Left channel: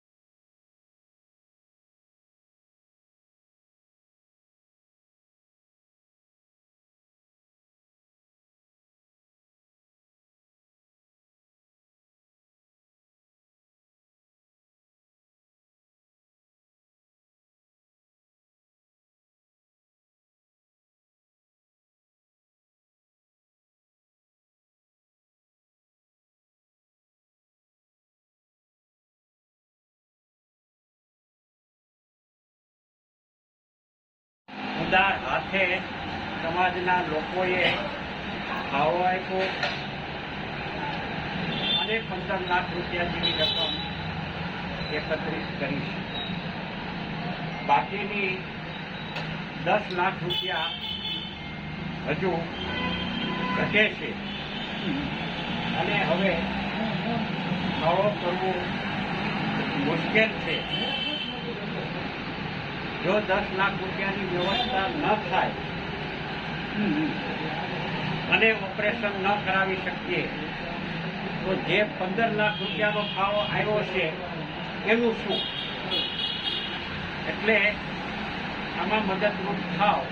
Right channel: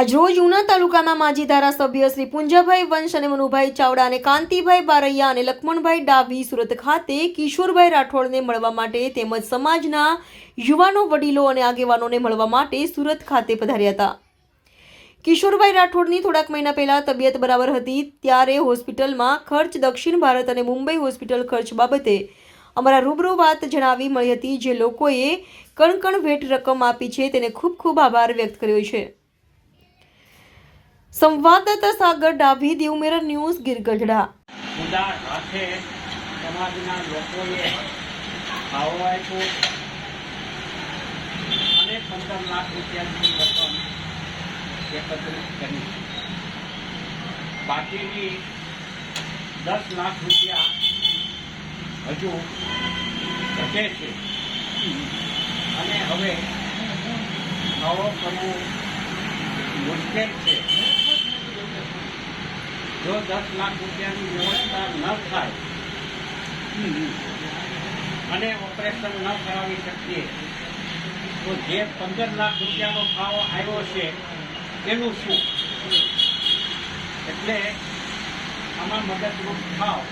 આજરોજ ઉના તાલુકાના માજી ધારાસભ્ય શ્રી પુંજાભાઈ વંશ અને મનુભાઈ ચાવડા અને કાંતિભાઈ બારૈયા અને લક્ષ્મણભાઈ ડાભી સુરત ખાતે કિશોરભાઈ રાઠોડને મળવા માટે તેમજ સમાજના યુવાનો, વડીલો અને આગેવાનોને મળવા માટે સુરત ખાતે પધાર્યા હતા. કિશોરભાઈ રાઠોડની થોડાક મહિના પહેલા તબિયત બરાબર હતી ત્યારે હોસ્પિટલમાં ખર્ચ દક્ષિણ ભારત અને મુંબઈ હોસ્પિટલ ખર્ચ બાબતે અમારા રૂબરૂ વાત જણાવી મળી હતી જે લોકોએ કણ કણ ભેટ રકમ આપી છે. તેને ખૂબ ખૂબ આભાર વ્યક્ત કર્યો છે. સંવાદદાતા સાગર ડાભી દેવ મિરર ન્યૂઝ, ગીરગઢડા. ઉદાર હાથે સમાજના લોકોએ આપ્યો અને પંદર લાખ રૂપિયાની રકમ એકત્રિત કરી. બાકીની દસ લાખ રૂપિયા હજુ ઘટે છે. અને હવે આવો કરવું મુશ્કેલ છે. જો દસ લાખ રૂપિયાની વ્યવસ્થા ન થાય, અને ઓપરેશન ન કરાવી શકીએ, તો જે પંદર લાખ રૂપિયાનો ફાળો આવ્યો છે, એનું શું? એટલે આમાં મદદરૂપ થાવ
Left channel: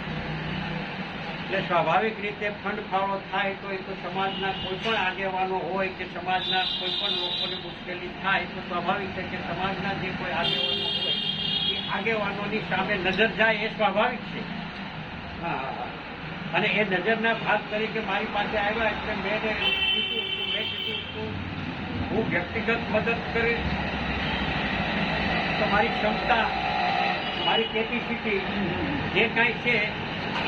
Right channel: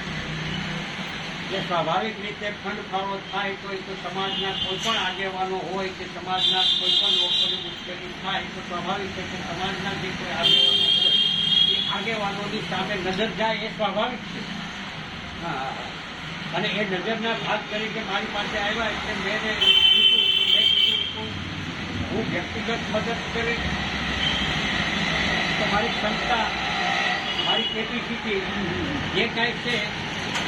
એટલે સ્વાભાવિક રીતે ફંડ ફાળો થાય તો એ તો સમાજના કોઈ પણ આગેવાનો હોય કે સમાજના કોઈ પણ લોકોને મુશ્કેલી થાય તો સ્વાભાવિક છે કે સમાજના જે કોઈ આગેવાનો હોય આગેવાનોની સામે નજર જાય એ સ્વાભાવિક છે. હા અને એ નજરના ભાગ તરીકે મારી પાસે આવ્યા એટલે મેં મેં કીધું હું વ્યક્તિગત મદદ કરે તો મારી ક્ષમતા, મારી કેપેસિટી જે કાંઈ છે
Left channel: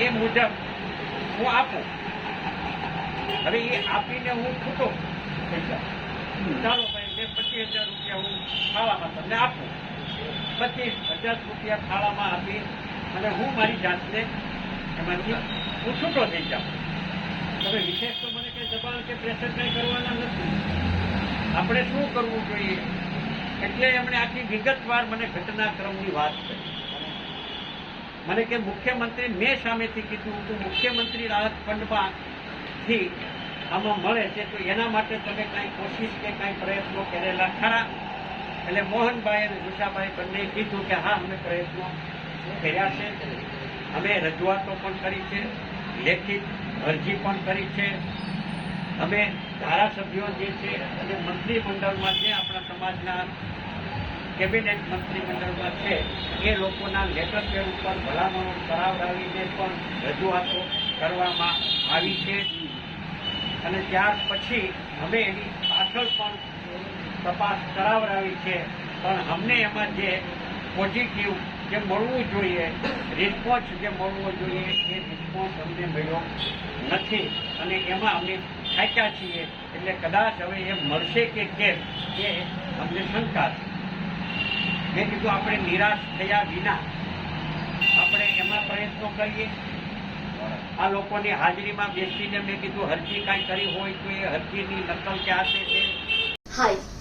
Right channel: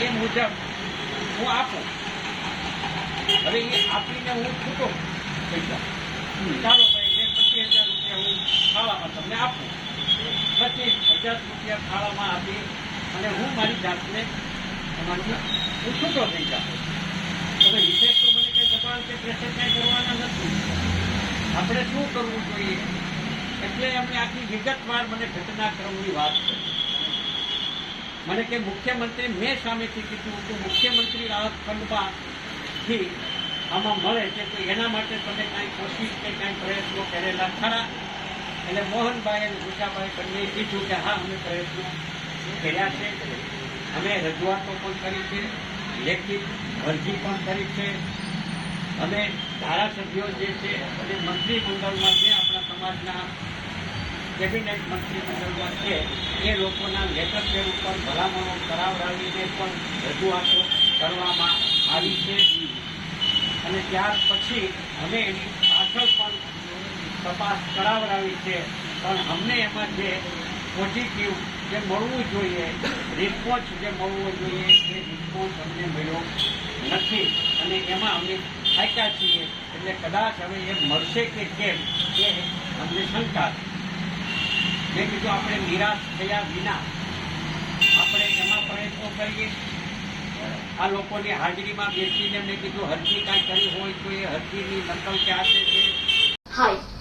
એ મુજબ હું આપું. હવે એ આપીને હું છૂટો. પૈસા ચાલો ભાઈ, બે પચીસ હજાર રૂપિયા હું ખાવામાં તમને આપું. પચીસ હજાર રૂપિયા ફાળામાં આપી અને હું મારી જાતને એમાંથી હું થઈ જાઉં. હવે વિશેષ તો મને કંઈ દબાણ કે પ્રેશર કંઈ કરવાના નથી. આપણે શું કરવું જોઈએ? એટલે એમણે આખી વિગતવાર મને ઘટનાક્રમની વાત કરી. મને કે મુખ્યમંત્રી મેં સામેથી કીધું કે મુખ્યમંત્રી રાહત ફંડમાંથી આમાં મળે છે, તો એના માટે તમે કાંઈ કોશિશ કે કાંઈ પ્રયત્નો કરેલા ખરા? એટલે મોહનભાઈ અને ઉષાભાઈ બંને કીધું કે હા, અમે પ્રયત્નો કર્યા છે. અમે રજૂઆતો પણ કરી છે, લેખિત અરજી પણ કરી છે. અમે ધારાસભ્યો જે છે અને મંત્રીમંડળમાં જે આપણા સમાજના કેબિનેટ મંત્રીમંડળમાં છે, એ લોકોના લેટર ઉપર ભલામણો કરાવડાવીને પણ રજૂઆતો કરવામાં આવી છે. અને ત્યાર પછી અમે એની પાછળ પણ તપાસ કરાવડાવી છે. પણ અમને એમાં જે પોઝિટિવ જે મળવું જોઈએ રિસ્પોન્સ જે મળવો જોઈએ, એ રિસ્પોન્સ અમને મળ્યો નથી. અને એમાં અમે થાક્યા છીએ. એટલે કદાચ હવે એ મળશે કે કેમ, એ અમને શંકા છે. મેં કીધું આપણે નિરાશ થયા વિના આપણે એમાં પ્રયત્નો કરીએ. આ લોકોની હાજરીમાં બેસીને મેં કીધું, હરજી કાંઈ કરી હોય તો એ હરજીની નકલ ક્યાં છે? હાય.